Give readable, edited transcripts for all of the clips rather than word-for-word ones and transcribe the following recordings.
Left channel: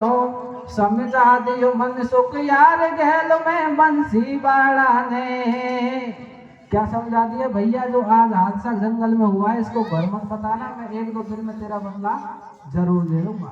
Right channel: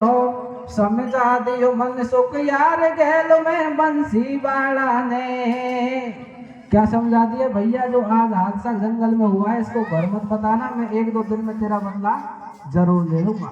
तो समझा दियो मन सुख यार गैल में बंसी बाड़ा ने। क्या समझा दिया भैया? जो आज हादसा जंगल में हुआ है इसको घर मत बताना, मैं एक दो दिन में तेरा बदला जरूर ले लूंगा।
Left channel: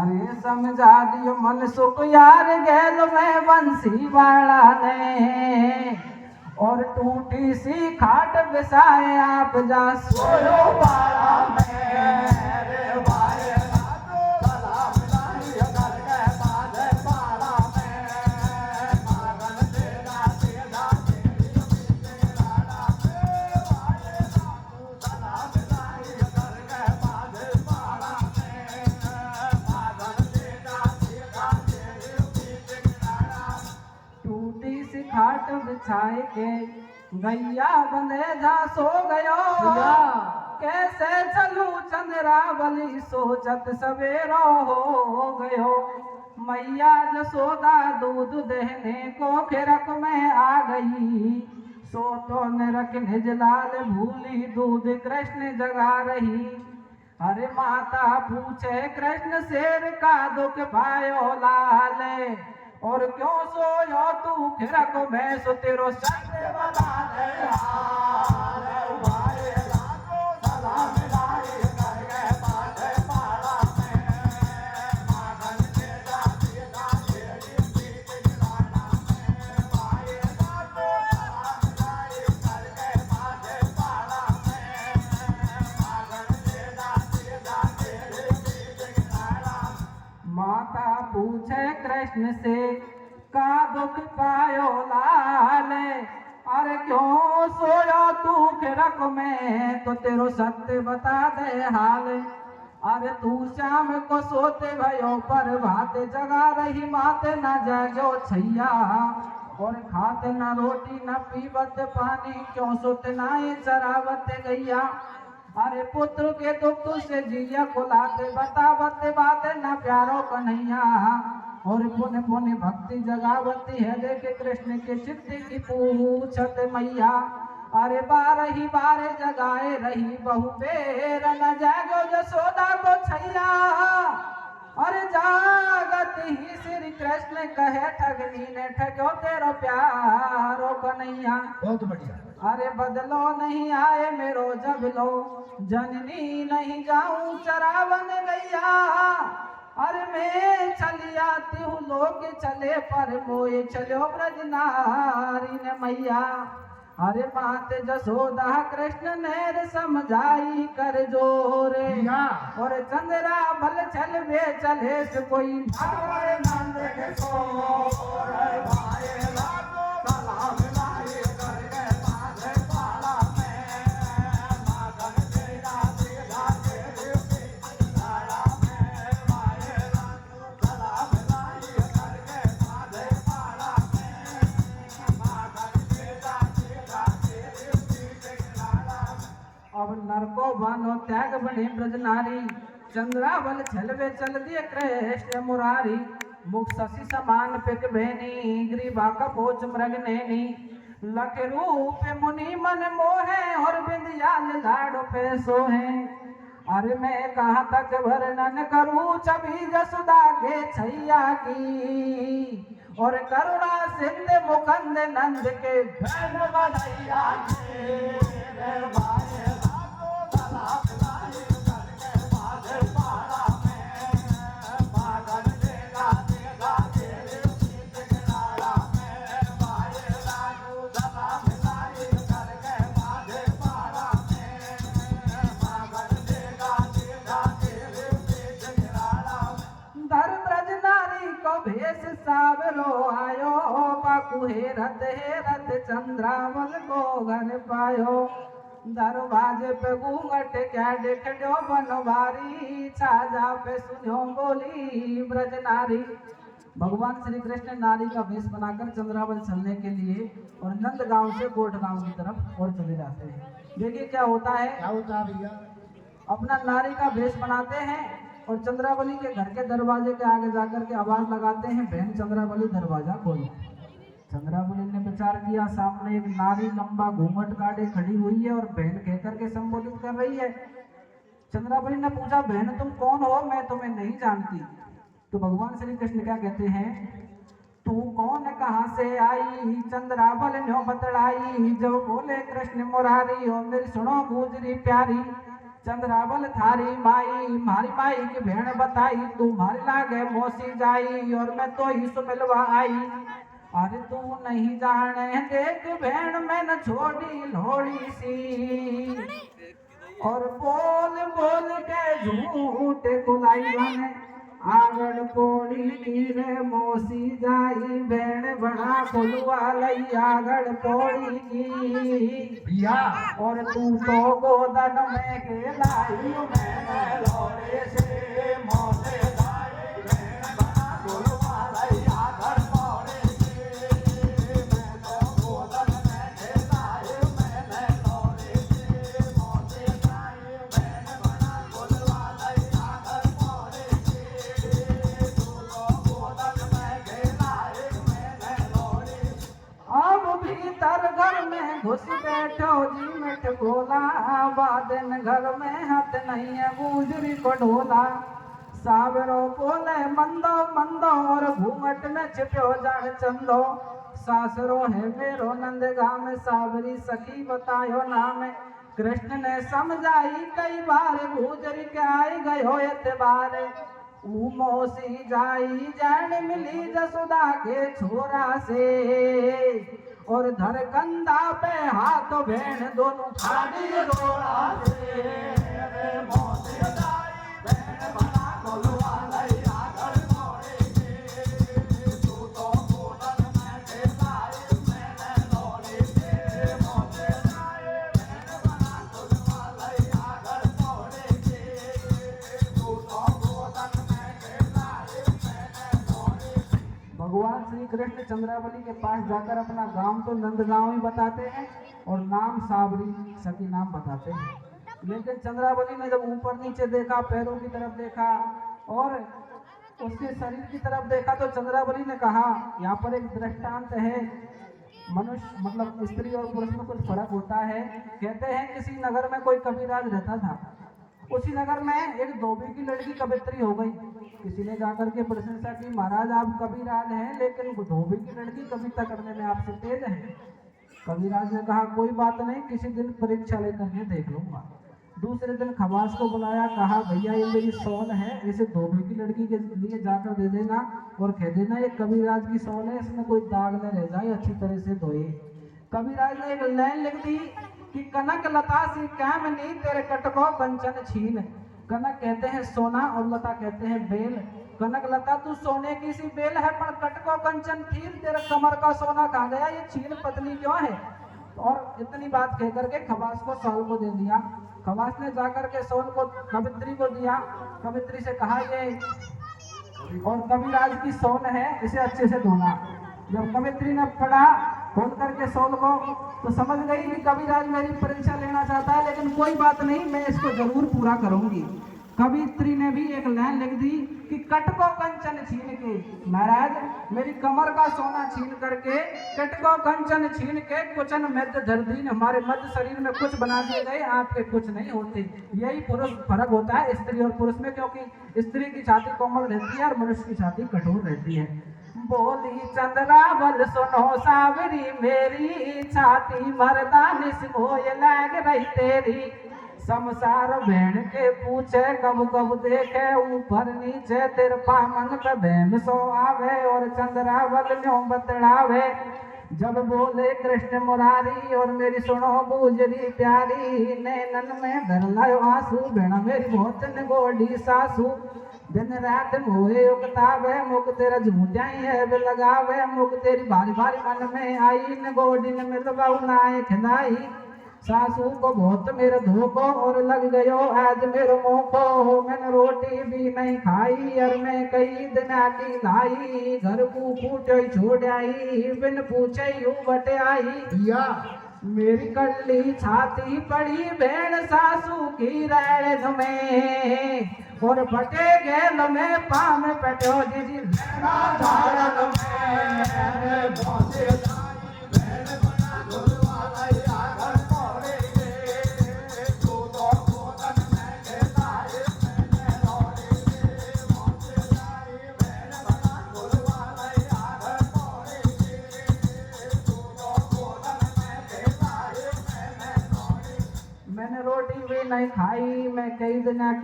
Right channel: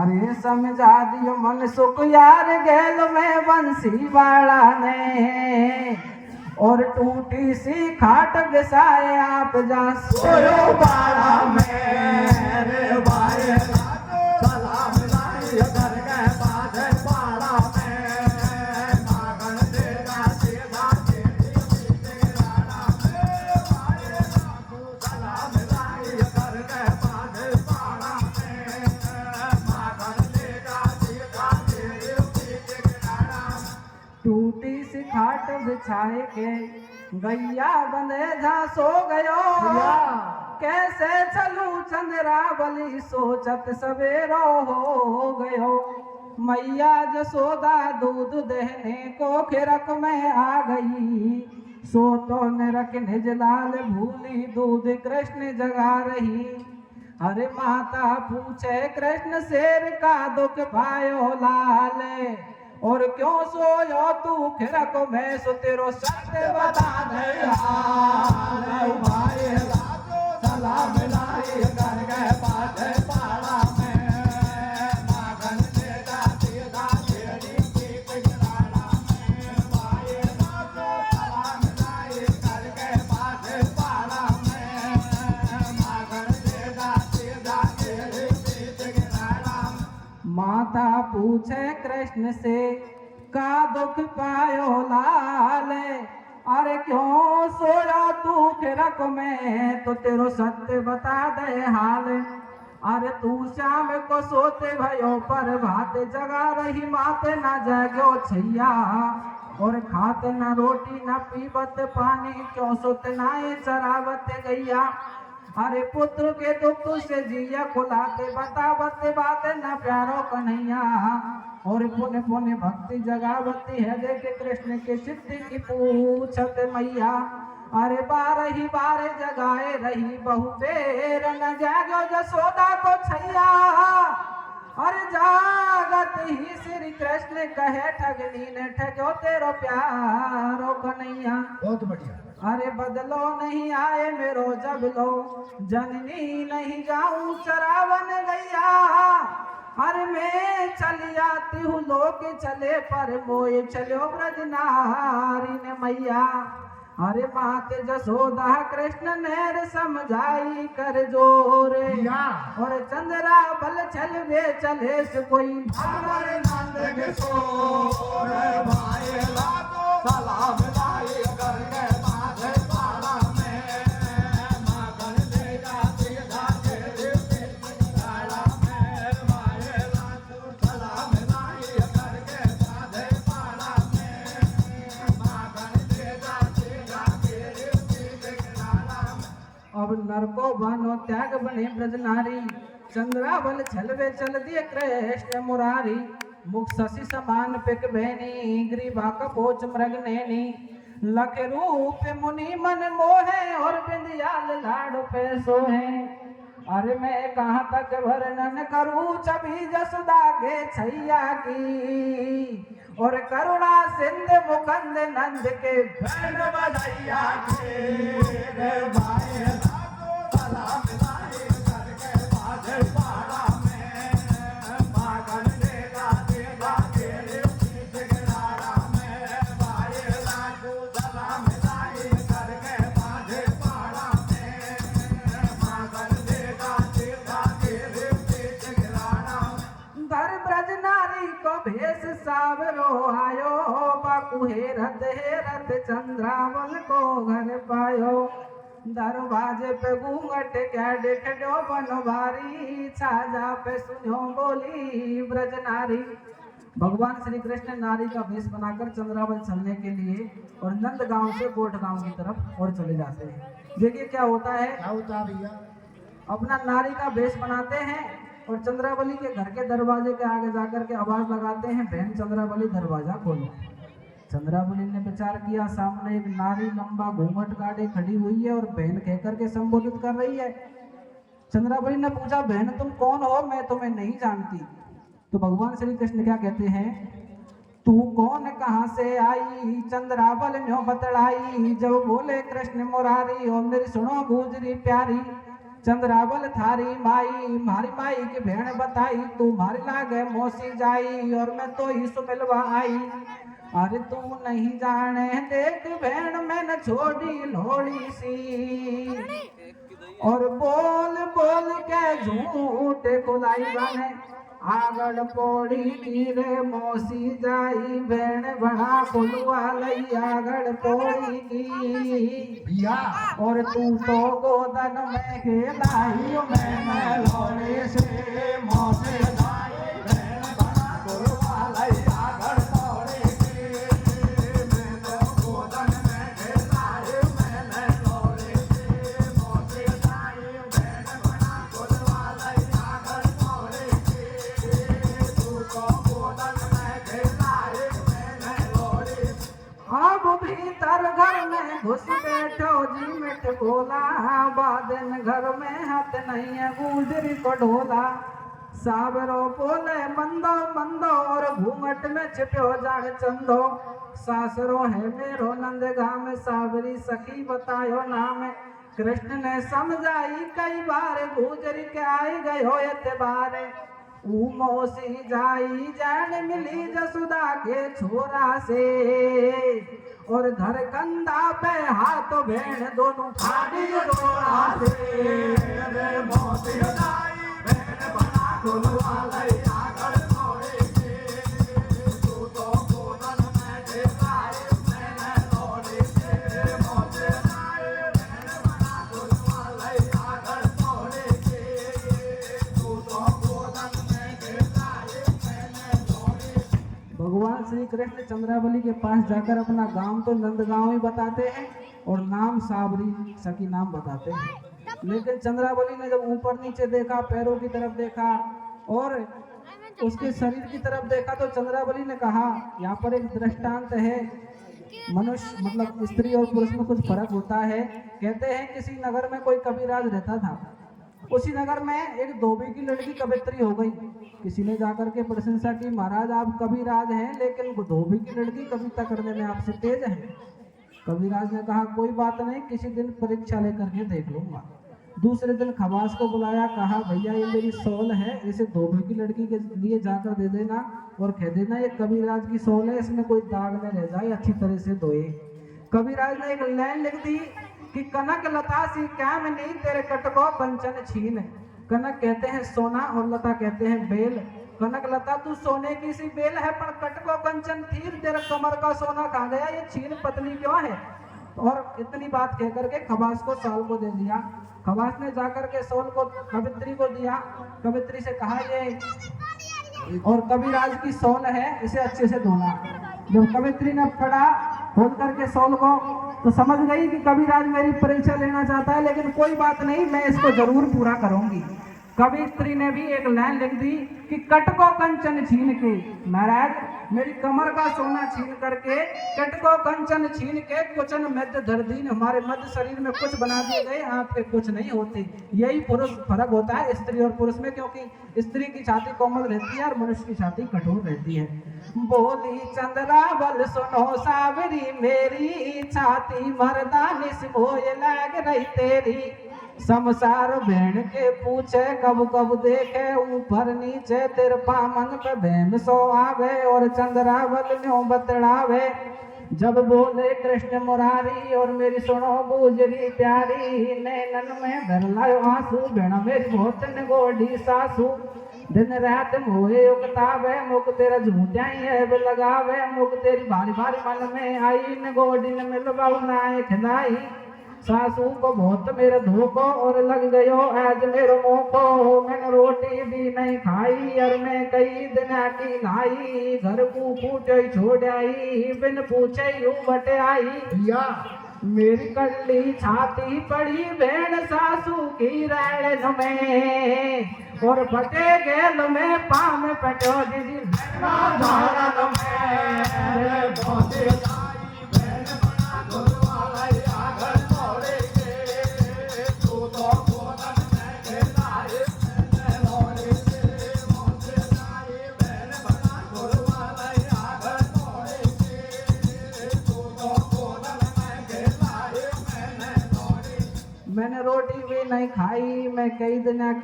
अरे समझा दियो मन सुख यार गैल में बंसी बाड़ा ने, और टूटी सी खाट बिसाए आप जा सोयो बाड़ा में। रे भाई सलाम लाई घर के बाद बाड़ा में, मागन तेरा सीधा तेरी राणा में। भाई सलाम लाई घर के बाद बाड़ा में, मागन तेरा सीधा तेरी राणा। टूटी सी खाट बिछाए के गैया बंधे जा सो गयो, कैसे चलूं चंद्रावली सोचत सवेरो हो गयो। मैया जसोदा दूध देने को खिरक में आ गई, सो तो निरख निज लाल भूली दूध कृष्ण जगा रही। अरे माता पूछे कृष्ण शेर का दुख पायो लाल, और क्यों सोयो तू खिरक में सो तेरो सत्य बता दे हाल। भाई सलाम लाई घर के बाद बाड़ा में, मागन तेरा सीधा तेरी पीठ गिराना में। भाई सलाम लाई घर के बाद बाड़ा में, मागन तेरा सीधा तेरी पीठ गिराना। माता पूछे कृष्ण से का दुख पायो लाल, अरे क्यों सोयो तू खिरक में तो तेरो सत्य बता दे हाल। अरे तू श्याम को सोते भयो पर भात जगा रही माते न जागो छैया, और खाते न रोटी न पीबत पानी क्यों सोते नाए चरावत गैया। अरे पुत्र के दुख से जिया खुलाते बतावते बात न प्यारो कन्हैया, और पुण्य पुण्य भक्ति जगावती है देखे कृष्ण के सिद्धि की पूछत मैया। अरे बारही बारे जगाए रही बहु बेर न जागो जसोदा को छैया, अरे जागत ही श्री कृष्ण कहे ठगनी ने ठगो तेरो प्यारो कन्हैया। बहुत बढ़िया। अरे बदलो नहीं आए मेरो जब लो, जननी नहीं जाऊं चरावन गैया। अरे मैं चली आती हूँ लोग चले पर मोए चलो ब्रज नारी ने मैया। अरे मात जसोदा कृष्ण नेर समझाई कर जोरे, और चंद्रा बल चल वे चले से कोई भावर नंद के सोर। भाई सलाम लाई घर के बाद बाड़ा में, मागन तेरा सीधा तेरे पीठ गिराना में। भाई सलाम लाई घर के बाद बाड़ा में, मागन तेरा सीधा तेरे पीठ गिराना। अब नरको बानो त्याग बने ब्रज नारी, चंद्रावल छलवे चल दिए कृष्ण मुरारी। मुख शशि समान पिक बहनी ग्रीवा का बोझ मृग नैनी, लख रूप मुनि मन मोहे और बिंदियाल लाड़ पे सोहे। अरे मैं कहाँ तक वर्णन करूं छवि जसोदा के छैया की, और करुणा सिंध मुकंद नंद के धन बधैया की। रे भाई सलाम लाई घर के बाद बाड़ा में, मागन तेरा सीधा तेरे पीठ गिराना में। भाई सलाम लाई घर के बाद बाड़ा में, मागन तेरा सीधा तेरे पीठ गिराना। दर ब्रज नारी को भेष सावरो आयो, बाकू हेरत चंद्रावल को घर पायो। दरवाजे पे घूंघट क्या देखो बनवारी, छाजा पे सुनो बोली ब्रज नारी। भगवान श्री कृष्ण नारी का वेश बनाकर चंद्रावल चलने के लिए और नंद गांव से कोट गांव की तरफ और चले जाते हैं। देखिए क्या होता है, क्या होता है भैया? अपना नारी का वेश बनाते हैं और चंद्रावली के घर के दरवाजे के आगे जाकर के आवाज लगाते हैं, बहन चंद्रावली दरवाजा खोलो। चंद्रावली ने विचार किया, सामने एक नारी लंबा घूंघट काटे खड़ी हुई है और बहन कहकर के संबोधित कर रही है। चंद्रावली ने पूछा, बहन तुम कौन हो? मैं तुम्हें नहीं जानती। तो भगवान श्री कृष्ण क्या कहते हैं, तू कौन कहाँ से आई, चंद्रावल न्यो बतड़ाई। जब बोले कृष्ण मुरारी और मेरी सुनो गुजरी प्यारी, चंद्रावल थारी माई मारी माई की भेड़ बताई, तू मारी लागे मौसी जाई और मैं तो ही सो मिलवा आई। अरे तू नहीं जाने देख भेड़ मैंने छोड़ी लोड़ी सी, और बोल बोल के झूठ खुलाई गाने आगड़ पोड़ी की रे मौसी जाई, भेड़ बड़ा खुलवा लई आगड़ पोड़ी की। और तू तो गोदन में के दाई मैं लोड़े से मौसी जाई, भेड़ बड़ा खुलवा लई आगड़ पोड़ी की। मैं तो गोदन में के दाई मैं लोड़े से मौसी जाई, भेड़ बड़ा खुलवा लई आगड़ पोड़ी की। अब भीतर घर में घुस बैठो जी मिट बोला, बादन घर में हाथ नहीं है गुजरी पढ़ोला। सावरो बोले मंदो मंदो और घूंघट में छिपो जान चंदो, सासरो है मेरो नंदगा में सावरी सखी बतायो नाम। कृष्ण ने समझाई कई बार गुजरी के आए गए हो एतबार, मौसी जाई जान मिली जसुदा के छोरा से, और धर कंधा पे हाथ भेड़ दोनों फाड़ी रोड़ा से। रे मौसी जाई भेड़ बड़ा खुलवा लई आगड़ पोड़ी की। तू तो गोदन में के दाई मैंने लोड़ी से, मौसी जाई भेड़ बड़ा खुलवा लई आगड़ पोड़ी की। तू तो गोदन भगवान श्री कृष्ण चंद्रावली के पास जाकर अपना गांव तो नंदगांव ही बताते हैं और नाम साबरी सखी नाम बताते हैं। लेकिन चंद्रावली ने जब ऊपर नीचे देखा, पैरों की तरफ देखा और उसके शरीर की तरफ देखा, तो चंद्रावली ने कहा यहाँ पर एक दृष्टांत है, मनुष्य मतलब स्त्री और पुरुष में कुछ फर्क होता है। कहते हैं किसी नगर में कोई कबीराज रहता था, उसी नगर में एक धोबी की लड़की कवित्री हो गई। किसी ने जाकर के प्रशंसा की, महाराज आप कविराज हैं लेकिन धोबी की लड़की कविता करने में आपसे तेज है। कविराज ने कहा कोई बात नहीं, किसी दिन परीक्षा लेकर के देख लूंगा। दूसरे दिन खमास को बुलाया, कहा भैया ये मेरी सौल है, इसे धोबी की लड़की के लिए जाकर दे देना और कह देना ये कविराज की सौल है, इसमें कोई दाग न रह जाए, अच्छी तरह से धोए। कविराज ने एक लाइन लिख दी कि कनक लता सी कैमनी तेरे कटको कंचन छीन। कनक कहते हैं सोना और लता कहते हैं बेल। कनक लता तू सोने की सी बेल है, पर कटको कंचन तीर तेरा कमर का सोना कहाँ गया, ये छीन पतली क्यों है। और इतनी बात कह करके खबास को सौल को दे दिया। खबास ने जाकर के सौल को कवित्री को दिया। कवित्री से कहा ये और कविराज की सौल है, इसे अच्छे से धोना। जब कवित्री ने पढ़ा खोल करके सौल को, तो समझ गई कि कविराज मेरी परीक्षा लेना चाहता है, लेकिन कोई बात नहीं, मैं इसको जरूर पूरा करूंगी। कवित्री ने भी एक लाइन लिख दी कि कटको कंचन छीन के, महाराज मेरी कमर का सोना छीन करके, कटको कंचन छीन के कुचन मध्य धरदीन, हमारे मध्य शरीर में कुछ बना दिए गए, आपके कुछ नहीं होते। यही पुरुष फर्क होता है स्त्री और पुरुष में, क्योंकि स्त्री की छाती कोमल रहती है और मनुष्य की छाती कठोर रहती है। बोली चंद्रावल सुनो सावरी, मेरी छाती मर्दानी से मोय लग रही तेरी। समसार भेड़ के पूछे कब कब देखे, ऊपर नीचे तेरे पामन का भेम सो आवे, और चंद्रावल न्यों बतड़ावे। जब बोले कृष्ण मुरारी और मेरी सुनो गुजरी प्यारी, नैनन में भरलायो आंसू, भेड़ मेरी बहुत गोडी सासू। दिन रात मोहे उकतावे, मुख तेरा झूठ्याई है लगावे, मुख तेरी भारी भारी मन में आई, न गोडी न मिलवाऊ नाए खिलाई। सासू को बहुत मेरे धोखो और लग गयो आज मेरो मोखो, मैंने रोटी भी नहीं खाई और मैं कई दिन की लाई। घर को फूटे छोड़ आई, बिन पूछे यूं बट आई। मेरी कल्ली छाती पड़ी भेड़ सासू की रैल में, और फटे गेल में पाम पटो जी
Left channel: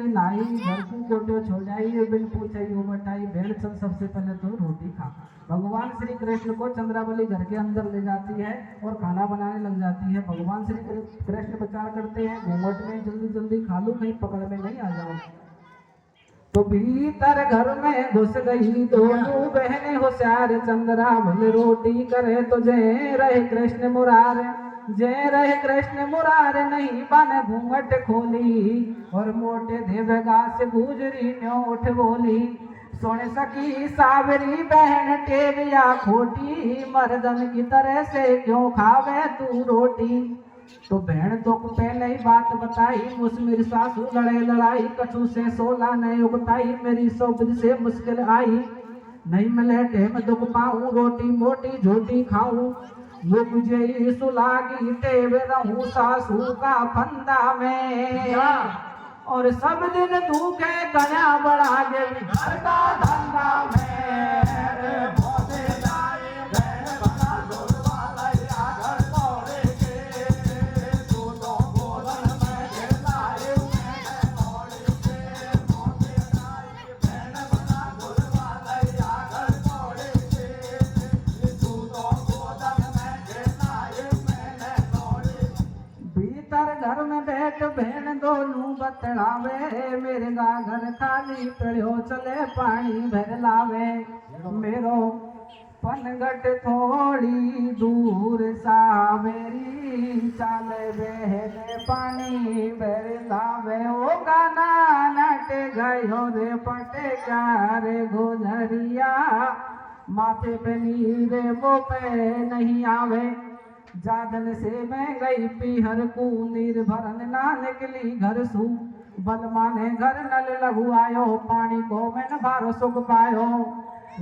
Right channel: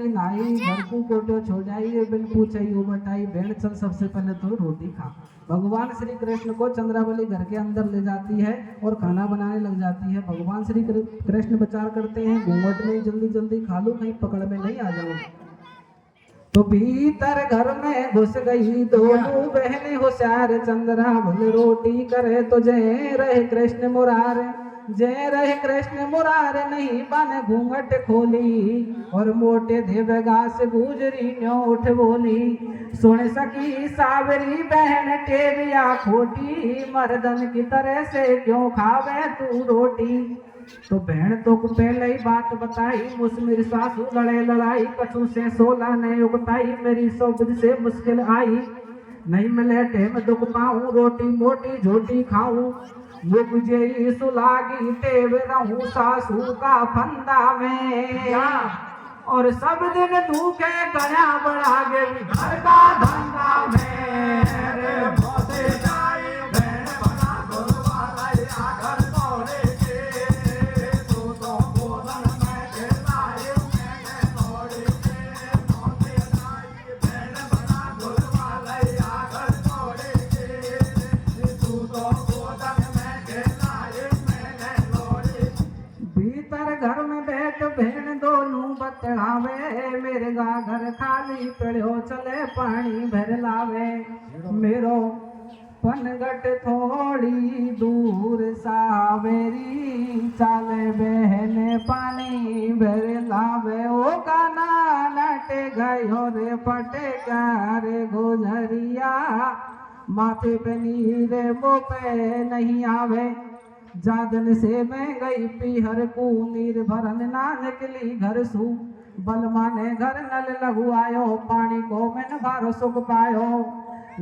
की नाई घर को कोटो छो जाइए बिन पूछाई उबटाई भेड़ चल सबसे पहले तो रोटी खा। भगवान श्री कृष्ण को चंद्रावली घर के अंदर ले जाती है और खाना बनाने लग जाती है। भगवान श्री कृष्ण विचार करते हैं घूंघट में जल्दी जल्दी खा लूं कहीं पकड़ में नहीं आ जाऊं। तो भीतर घर में घुस गई दोनों बहनें होशियार चंद्रावली रोटी करे तो जय रहे कृष्ण मुरारे जय रहे कृष्ण मुरारे नहीं बन घूंघट खोली और मोटे देवगा से गुजरी न्यो उठ बोली सुन सकी सावरी बहन टेविया खोटी मर्दन की तरह से क्यों खावे तू रोटी। तो बहन तो को पहले ही बात बताई मुझ मेरी सासू लड़े लड़ाई कछु से 16 ने उगताई मेरी सोबद से मुश्किल आई नहीं मिले टेम दुख पाऊं रोटी मोटी झोटी खाऊं मुझे सुलागी टेव रहूं सासू का फंदा में और सब दिन धूखे गया बड़ा गे घर का धंधा में रे भोले जाए बहन बना गुरवाला या घर तोड़े के तू तो बोलन में खेलाए मैंने तोड़े के भोले जाए बहन बना गुरवाला या घर तोड़े के तू तो बोलन में खेलाए मैंने तोड़े। भीतर घर में बैठ बहन दोनों बतलावे मेरे घर खाली पड़ो चले पानी भर लावे मेरो पनगट थोड़ी दूर सावेरी चाले बहने पानी भर लावे ओ काना नटे गयो रे पटेगा रे गुजरिया माथे पे नीरे वो पे नहीं आवे जादन से मैं गई पीहर को नीर भरन ना निकली घर सू बलमा ने घर नल लगू आयो पानी को मैंने बारो सुख पायो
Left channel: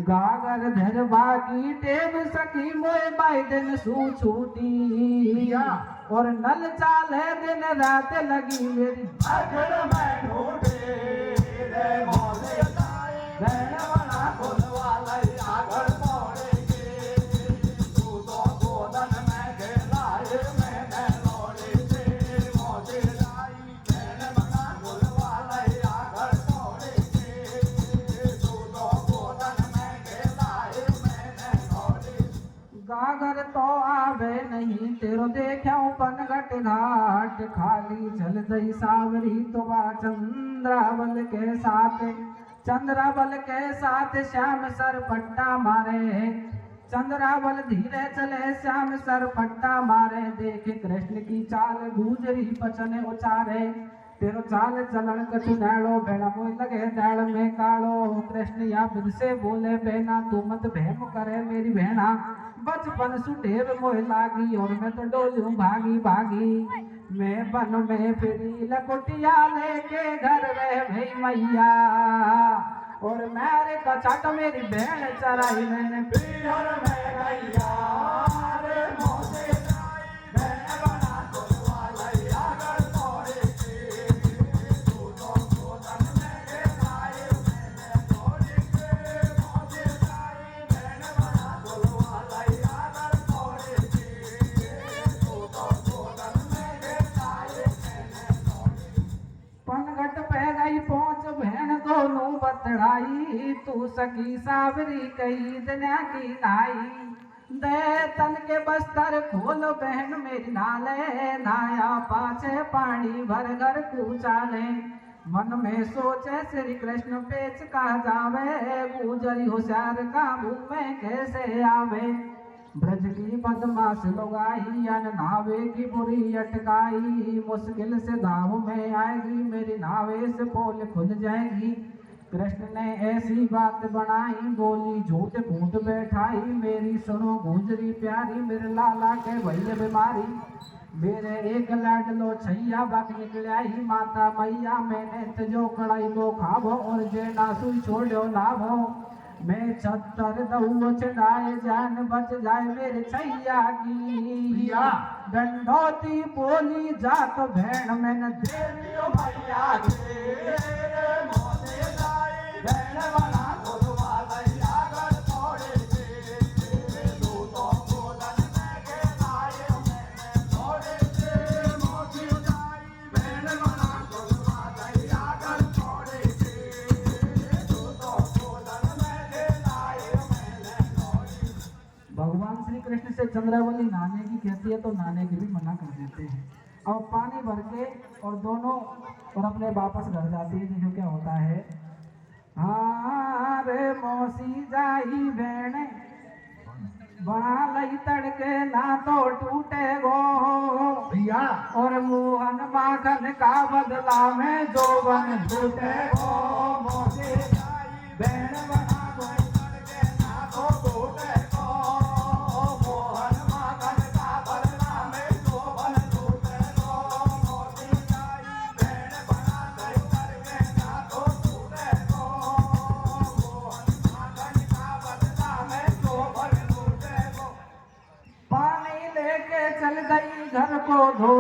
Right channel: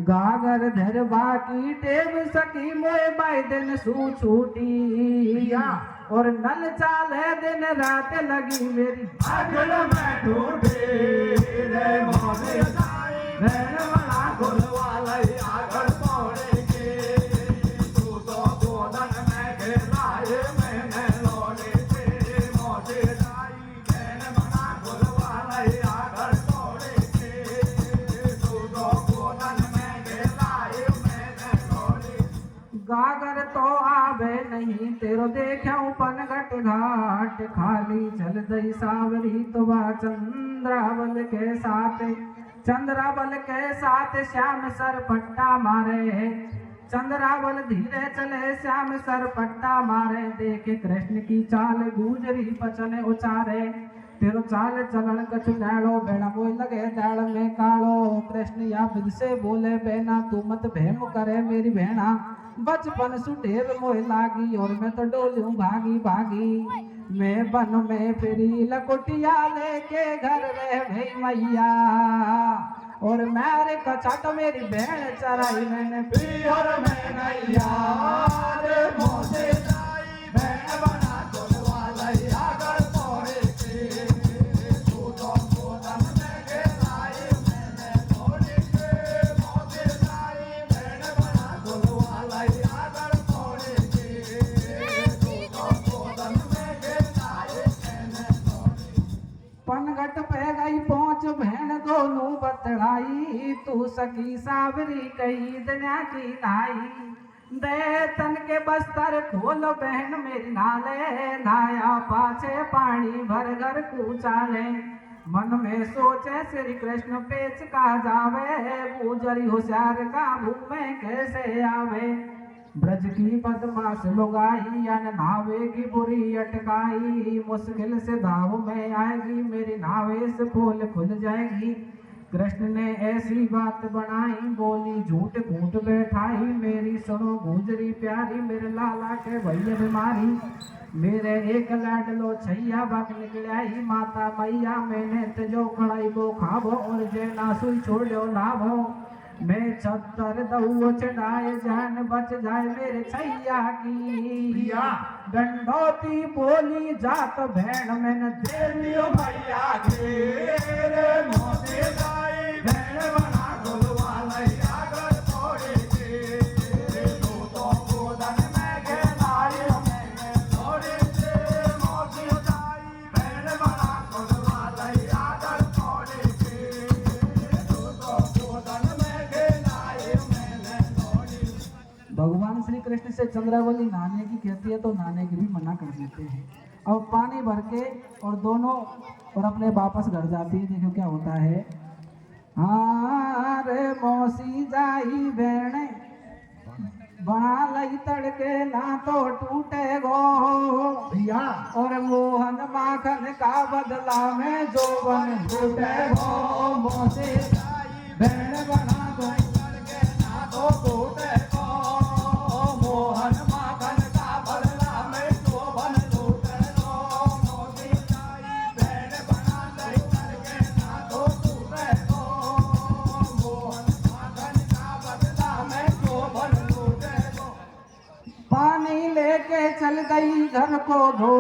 गागर धर बाकी टेब सकी मोए बाई दिन सू छूटी और नल चाले दिन रात लगी मेरी घर में ढूंढे रे मोरे रहन वाला गोलवाला या घर तोड़े के तू तो गोदन में घेराए मैंने लोड़े के मोटे राई रहन वाला गोलवाला या घर तोड़े के तू तो गोदन में घेराए मैंने लोड़े। गागर तो आवे नहीं तेरो देखा पनगट घाट खाली चल दई सावरी तो बा चंद्रावल के साथ चंद्रावल के साथ श्याम सर पट्टा मारे चंद्रावल धीरे चले श्याम सर पट्टा मारे देखे कृष्ण की चाल गुजरी पचने उचारे तेरो चाल चलन कछु नाड़ो बेड़ा मोय लगे जाड़ में कालो कृष्ण या विद से बोले बेना तू मत भेम करे मेरी भेना बचपन सुडेव मोय लागी और मैं तो डोलूं भागी भागी मैं बन में फिरी लकोटिया लेके घर रह मैया और मेरे कछट मेरी भेड़ चराई मैंने पी और मैं गैया रे मोसे जाई भेड़ बना गोलवाला या घर तोड़े के तू तो गोदन में घेराए मैंने तोड़े के मोसे जाई भेड़ बना गोलवाला या घर तोड़े के तू तो गोदन में घेराए मैंने तोड़े। पनघट पे गई पहुंच भेड़ दोनों बतड़ाई तू सकी सावरी कही दया की नाई दे तन के बस्तर खोल बहन मेरी नाले नाया पाछे पानी भर घर कूचाले मन में सोचे श्री कृष्ण पेच का जावे गुजरी होशियार का मुंह में कैसे आवे ब्रज की बदमाश लोगाई अन नावे की बुरी अटकाई मुश्किल से दाव में आएगी मेरी नावे से पोल खुल जाएगी। कृष्ण ने ऐसी बात बनाई बोली झूठ फूट बैठाई मेरी सुनो गुजरी प्यारी मेरे लाला के भैया बीमारी मेरे एक लाडलो छैया बाक निकलाई माता मैया मैंने तजो कड़ाई वो खाबो और जेना सुई छोड़ो लाभो मैं 76 दऊ चढ़ाए जान बच जाए मेरे छैया की दंडोती बोली जात भेड़ मैंने देवियो मैया के रे मोते जाए भेड़ बना गोलवाला या घर तोड़े के तू तो गोदन में घेराए मैंने तोड़े के मोते जाए भेड़ बना गोलवाला या घर जैसे चंद्रावली नहाने की कहती है तो नहाने की भी मना कर देते हैं। और पानी भर के और दोनों और अपने वापस घर जाती है। देखो क्या होता है। हाँ रे मौसी जाई बहने बालई तड़के ना तो टूटे गो भैया और मोहन माखन का बदला में जोबन लूटे गो मौसी बहन बना कोई करके ना तो टूटे को मोहन माखन का बदला में शोभन लूटे को मोती बहन बना कोई करके ना तो टूटे को मोहन माखन का बदला में शोभन लूटे को। पानी लेके चल गई घर को धो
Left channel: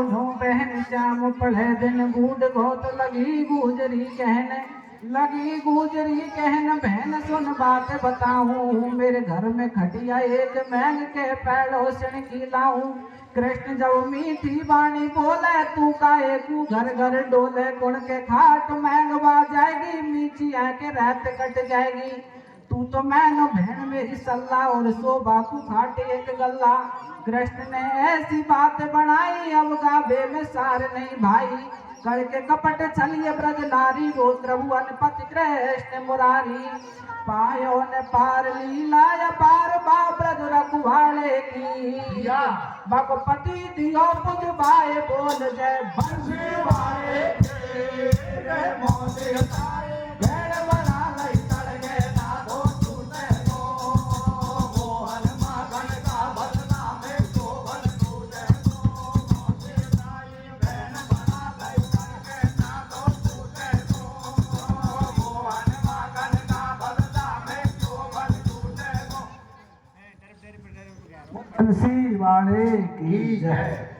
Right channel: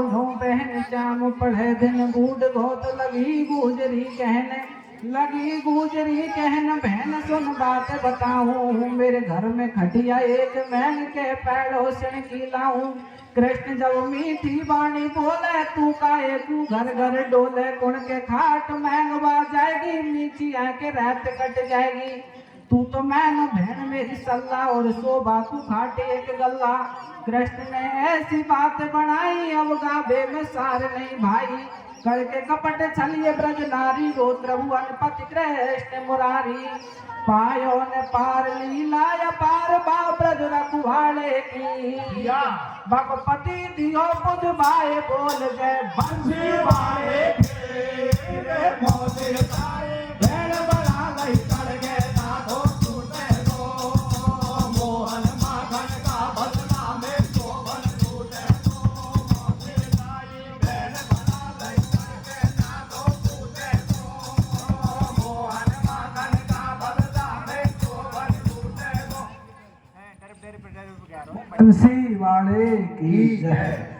बहन शाम पढ़े दिन बूढ़ धोत लगी गुजरी कहन बहन सुन बात बताऊं मेरे घर में खटिया एक महंग के पैरों से खिलाऊं कृष्ण जब मीठी वाणी बोले तू काहे तू घर घर डोले कुण के खाट महंगवा जाएगी मीठी आके रात कट जाएगी तू तो मैनो बहन मेरी सल्ला और शोभा को खाटे एक गल्ला कृष्ण ने ऐसी बात बनाई अब गाभे में सार नहीं भाई करके कपट छलिए ब्रज नारी गोत्र भुवन पति कृष्ण मुरारी पायो ने पार लीला या पार ब्रज रघुवाड़े की भगपति दियो पुज भाई बोल जय बंसी वाले के मौसी ताई बहन बना गई करके ना तो टूटे को मोहन माखन का बदला में शोभन लूटे को मौसी ताई बहन बना गई करके ना तो टूटे को मोहन माखन का बदला में शोभन लूटे को। बंसी वाले की जय।